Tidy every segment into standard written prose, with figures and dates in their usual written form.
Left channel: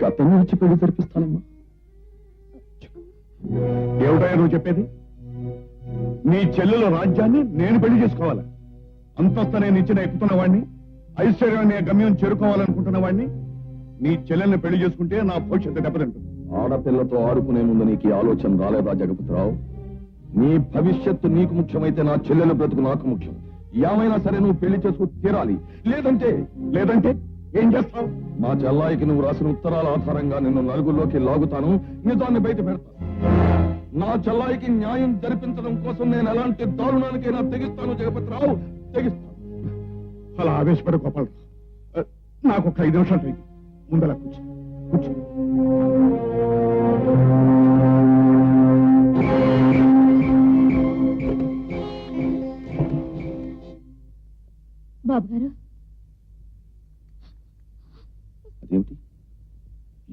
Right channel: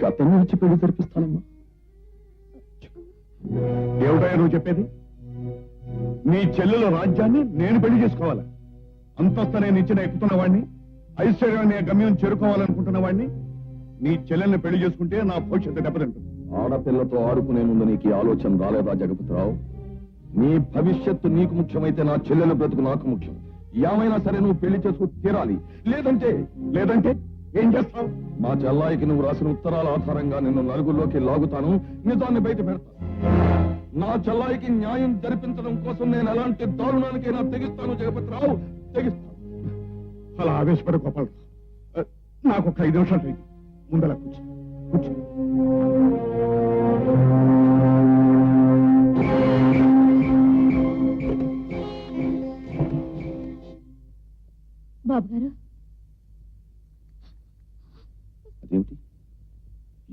నీకు అతన్ని వచ్చి పెళ్లి జరిపిస్తానమ్మా. ఏమిటా నువ్వు చెప్పేది? నీ చెల్లెల రాజ్యాన్ని నేను పెళ్లి చేసుకోవాలి. అంతస్తు నేను ఇచ్చిన ఎక్కుతున్న వాడిని, ఐశ్వర్యాన్ని గమ్యం చేరుకోవాలనుకుంటున్న వాడిని నీ చెల్లెల్ని పెళ్లి చేసుకుంటే నా భవిష్యత్తు దెబ్బతింటుంది. ఆడపిల్లతో ఆడుకునే ముందు నీకు ఈ ఆలోచన రాలేదా జగపతిరావు? నీ భవిష్యత్తు నీకు ముఖ్యమైతే నా చెల్లెల బ్రతుకు నాకు ముఖ్యం. ఏమైనా సరే నువ్వు పెళ్లి చేసుకుని తీరాలి. లేదంటే ఏం చేస్తావు? మా చెల్లాయికి నువ్వు రాసిన ఉత్తరాల ఆధారంగా నిన్ను నలుగురిలోకి లాగుతాను, నిజాన్ని బయట పెడతాను. నా చెల్లాయికి న్యాయం జరిపించడం కోసం నేను ఎలాంటి దారుణానికైనా తెగిస్తాను జగపతిరావు, తెగిస్తాను. అలా ఆవేశపడ గోపాలరావు, నాకు ఒక 5 నిమిషాలు అయింది. ముందలా కూర్చో. బాబు గారు, అదేమిటి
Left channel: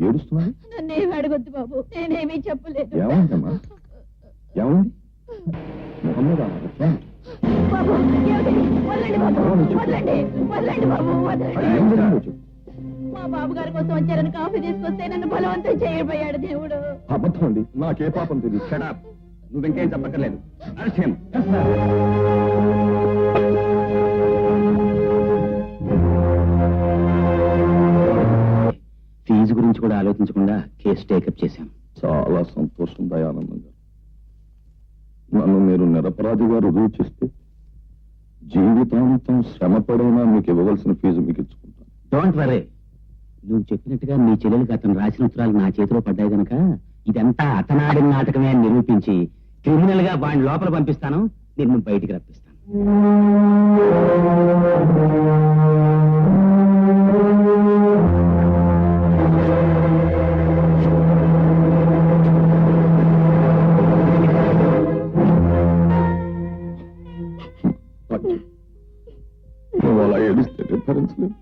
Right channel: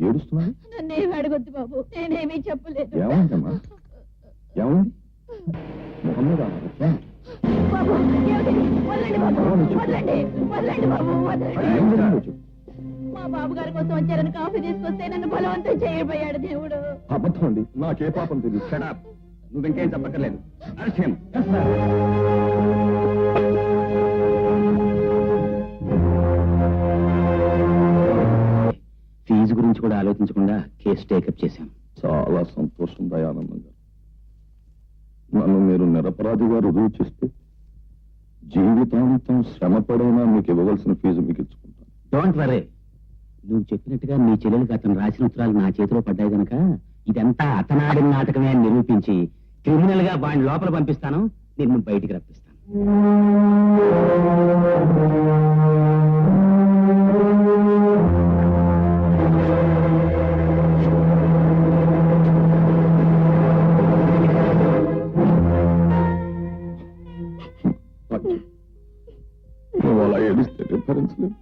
ఏడుస్తున్నాను? నన్నేమి అడగొద్దు బాబు, నేనేమీ చెప్పలేదు. ఏమైందమ్మా? ఏమైంది? ముఖం మీద బాబు, వదలండి బాబు, వదలండి బాబు, వదలండి. మా బాబు గారి కోసం వచ్చారని కాఫీ తీసుకొస్తే నన్ను బలవంతం చేయబోయాడు దేవుడు. అబద్ధం అండి, నాకే పాపం తెలియదు. షడప్, నువ్వు ఇంకేం చెప్పక్కర్లేదు. ఫీజు గురించి కూడా ఆలోచించకుండా కేసు టేకప్ చేశాం. చాలా సంతోషం దయానందంగా. నన్ను మీరు నిరపరాధిగా రుజువు చేస్తే జీవితాంతం శ్రమపడైనా మీకు ఇవ్వవలసిన ఫీజు మీకు ఇచ్చుకుంటాను. Don't worry. నువ్వు చెప్పినట్టుగా మీ చెల్లెలకి అతను రాసిన ఉత్తరాలు నా చేతిలో పడ్డాయి కనుక ఇదంతా అతనాడిన నాటకమే అని నిరూపించి క్రిమినల్ గా వాడిని లోపల పంపిస్తాను, నిన్ను బయటికి రప్పిస్తాను. నువ్వు అలా ఏడిస్తే భరించలేను.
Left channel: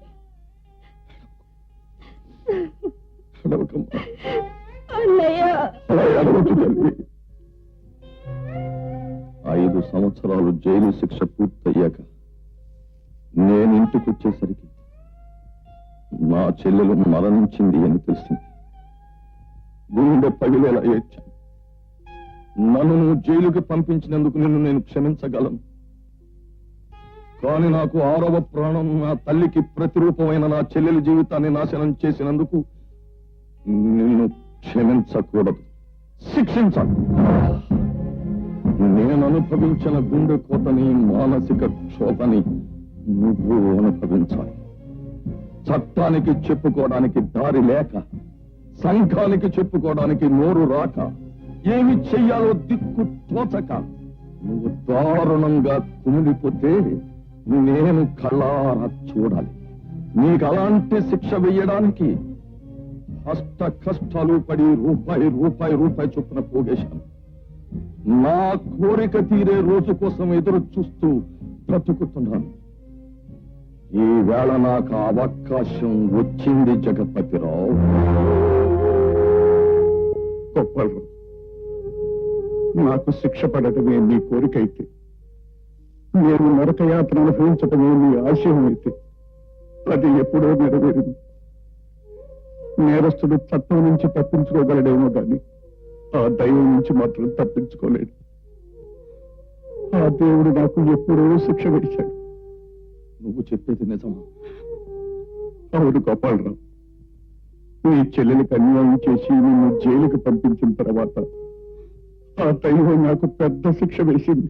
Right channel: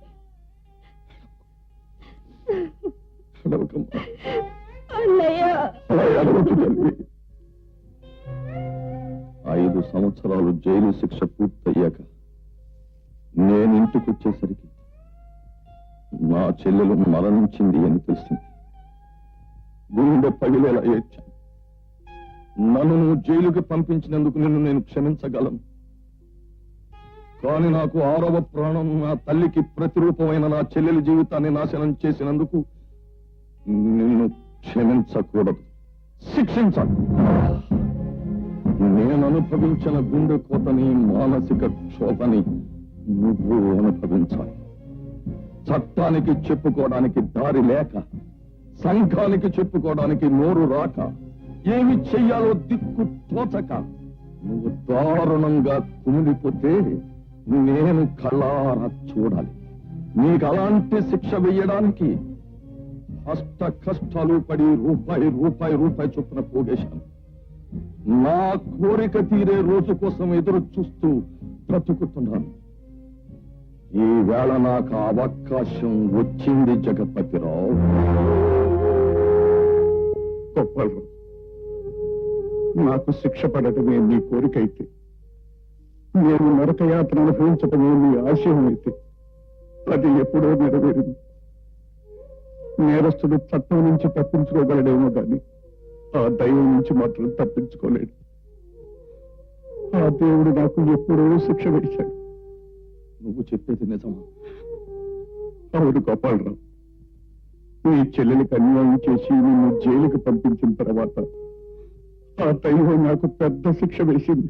ఐదు సంవత్సరాలు జైలు శిక్ష పూర్తయ్యాక నేను ఇంటికి వచ్చేసరికి నా చెల్లెలు మరణించింది అని తెలిసింది. గుండె పగిలేలా ఏడ్చాను. నన్ను నువ్వు జైలుకి పంపించినందుకు నిన్ను నేను క్షమించగలను. కానీ నాకు 6వ ప్రాణం నా తల్లికి ప్రతిరూపమైన నా చెల్లెలి జీవితాన్ని నాశనం చేసినందుకు నిన్ను క్షమించకూడదు, శిక్షించాలి. నేను అనుభవించిన గుండె కోతని, మానసిక క్షోభని నువ్వు అనుభవించాలి. చట్టానికి చెప్పుకోవడానికి దారి లేక, సంఘానికి చెప్పుకోవడానికి నోరు రాక, ఏమి చెయ్యాలో దిక్కు తోచక నువ్వు దారుణంగా కుమిలిపోతే నేను కళ్ళారా చూడాలి. నీకు అలాంటి శిక్ష వేయడానికి కష్టాలు పడి రూపాయి చొప్పున పోగేశాను. నా కోరిక తీరే రోజు కోసం ఎదురు చూస్తూ బ్రతుకుతున్నాను. ఈ వేళ నాకు అవకాశం వచ్చింది జగపతిరావు. నాకు శిక్ష పడటమే మీ కోరిక అయితే, నేను నరకయాత్ర అనుభవించటమే మీ ఆశయం అయితే, అది ఎప్పుడో నెరవేరింది. నేరస్తుడు చట్టం నుంచి తప్పించుకోగలడేమో కానీ ఆ దైవం నుంచి మాత్రం తప్పించుకోలేడు. ఆ దేవుడు నాకు ఎప్పుడో శిక్ష వేశాడు. నువ్వు చెప్పేది నిజమా? అవును గోపాలరావు, నీ చెల్లెలకు అన్యాయం చేసి నిన్ను జైలుకి పంపించిన తర్వాత ఆ దైవం నాకు పెద్ద శిక్ష వేసింది.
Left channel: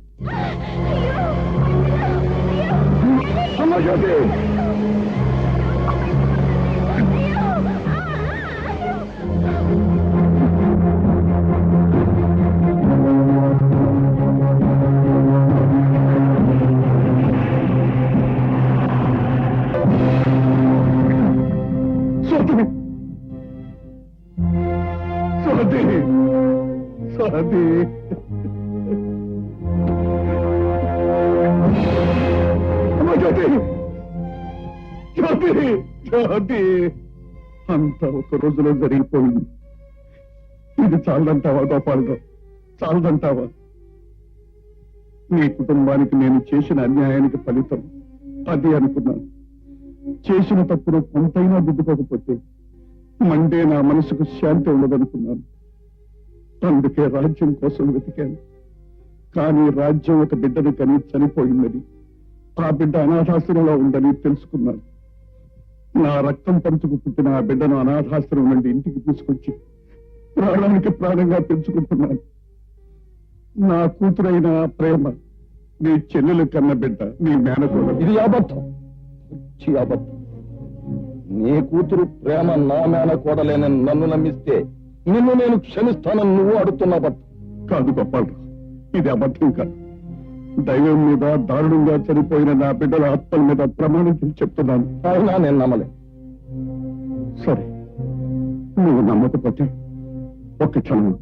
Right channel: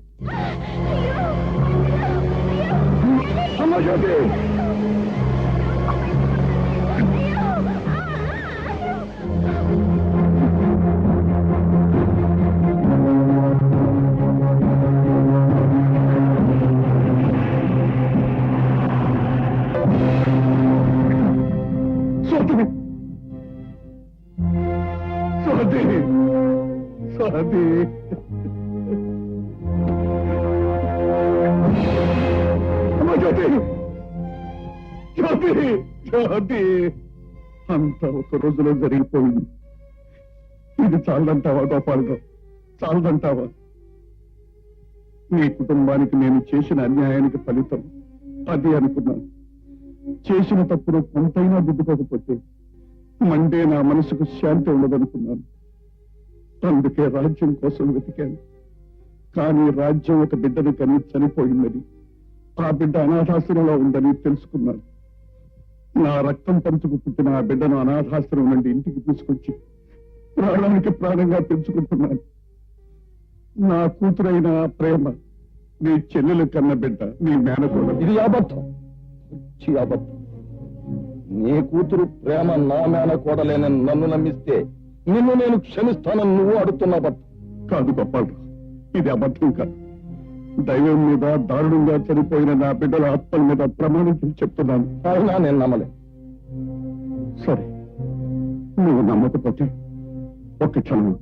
అంతా ఒక రోజులో జరిగిపోయింది. ఇది చాలదంటావా గోపాలరావు? చాలదంటావా? నీ కుటుంబానికి నేను చేసిన అన్యాయానికి ఫలితం అది అనుకున్నాను. చేసిన తప్పుడు కొంతైనా దిద్దుకోకపోతే మండే నా మనసుకు శాంతి ఉండదనుకున్నాను. అందుకే రాజ్యం కోసం వెతికాను. కానీ రాజ్యం ఒక బిడ్డను కని చనిపోయిందని, ఆ బిడ్డ అనాథాశ్రమంలో ఉందని తెలుసుకున్నాను. నా రక్తం పంచుకు పుట్టిన ఆ బిడ్డను అనాథాశ్రమం నుండి ఇంటికి తీసుకొచ్చి ప్రాణానికి ప్రాణంగా పెంచుకుంటున్నాను. నా కూతురైన ప్రేమ నీ చెల్లెలు కన్న బిడ్డ నీ మేనకోడలు. ఇది అబద్ధం, పిచ్చి అబద్ధం. నీ కూతురు ప్రేమ నా మేనకోడలేనని నన్ను నమ్మిస్తే నిన్ను నేను క్షమిస్తానని నువ్వు అడుగుతున్న అబద్ధం. కాదు గొప్పగా, ఇది అబద్ధం కాదు. దైవం మీద దారుణంగా చనిపోయిన నా బిడ్డల ఆత్మల మీద ప్రమాణం చేసి చెప్తున్నాను. అయినా నేను నమ్మలే. సరే, నువ్వు నమ్మకపోతే ఒక్క క్షణం.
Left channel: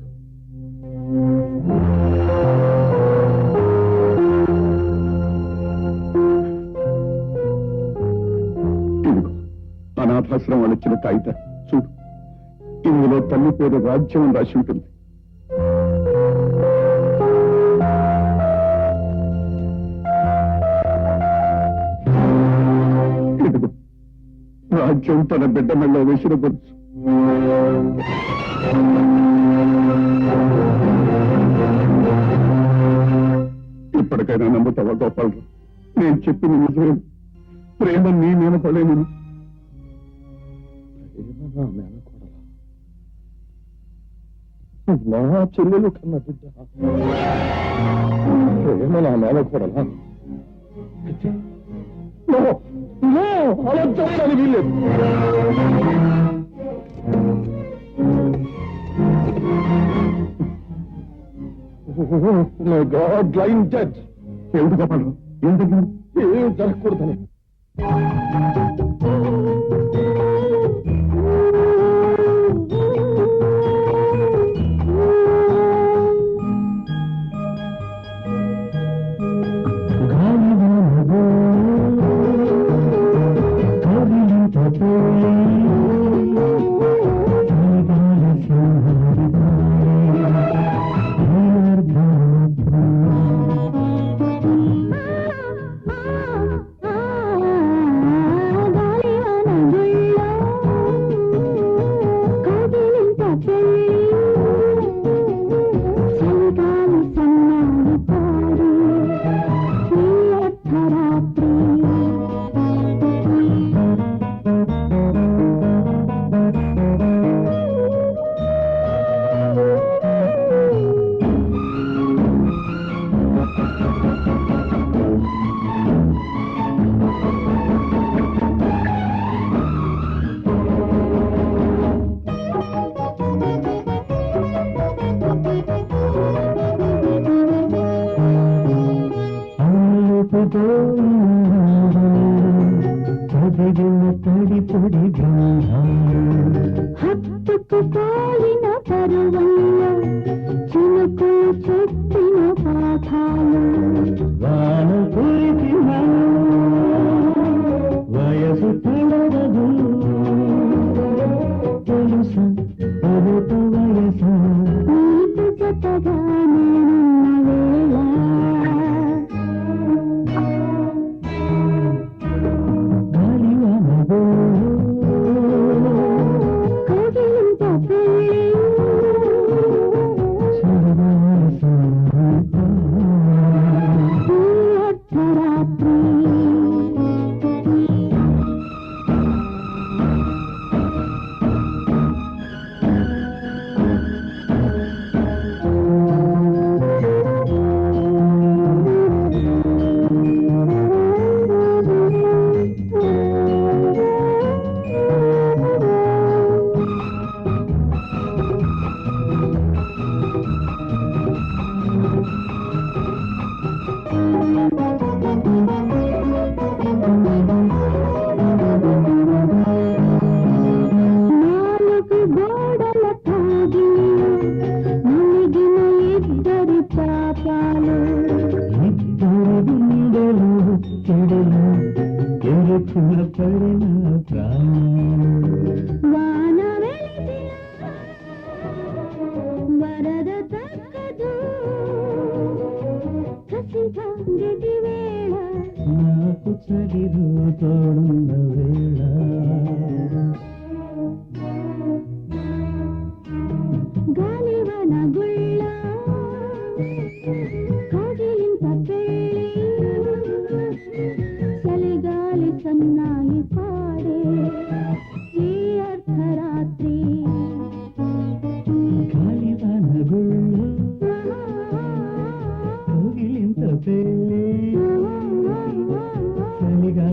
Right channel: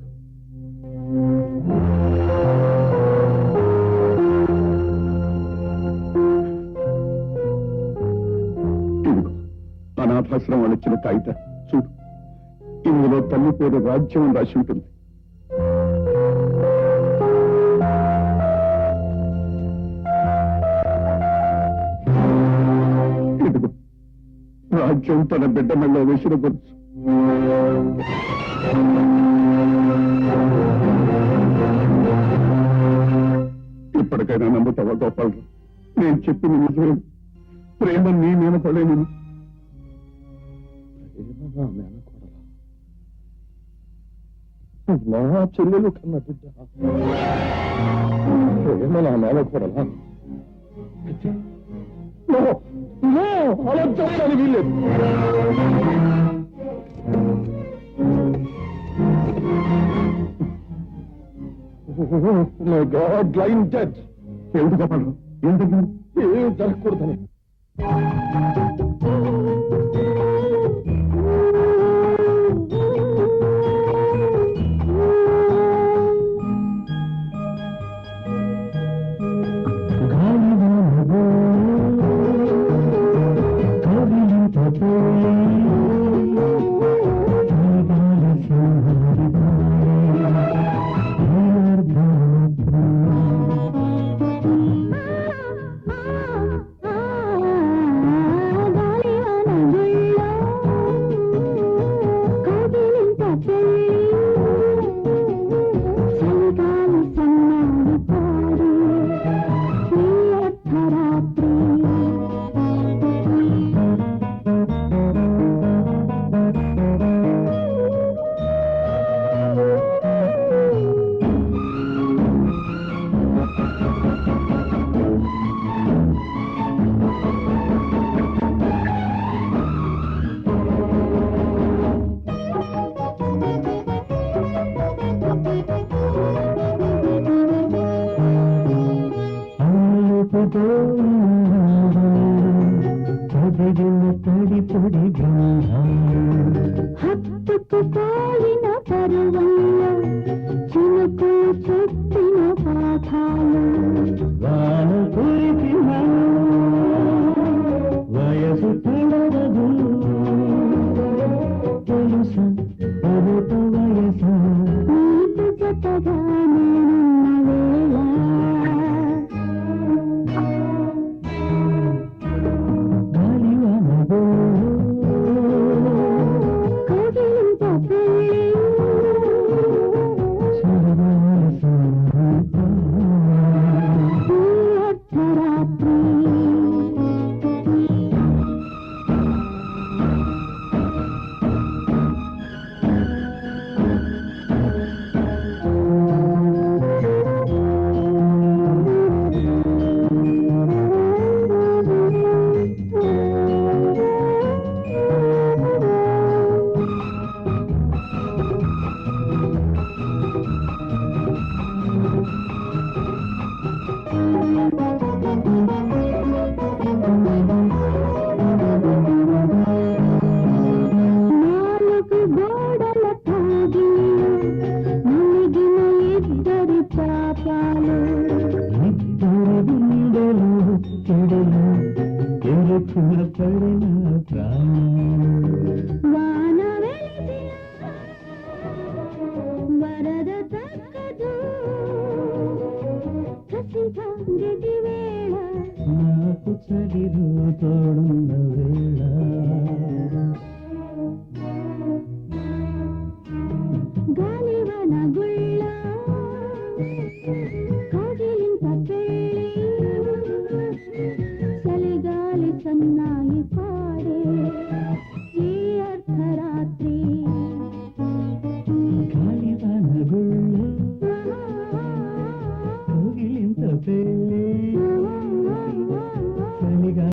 ఇదిగో అనాథాశ్రమం వాళ్ళు ఇచ్చిన కాగిత చూడు. ఇందులో తల్లి పేరు రాజ్యం రాసి ఉంటుంది. ఇదిగో రాజ్యం తన బిడ్డ మెళ్ళ వేసిన గొలుసు. ఇప్పటికైనా నమ్ముతావా గోపాలరావు? నేను చెప్పింది నిజమే. ప్రేమ నీ మేనకోడలేను. నా మేనకోడలా? నా చెల్లెలు కన్న బిడ్డ ప్రేమ నా మేనకోడలా? అలా జరగడానికి వీల్లేదు. My God, blind judge. ఎందుకు గోపాలరావు? ఎందుకు ఏం జరగకూడదని. హత్తుకుపోయిన పర్వంలో చినుకులు చెప్పిన పాఠాలు వాను కురిసిన వయసు తిరగదు తెలుసు ప్రభుత వయసు నీకు జతగా నేనున్న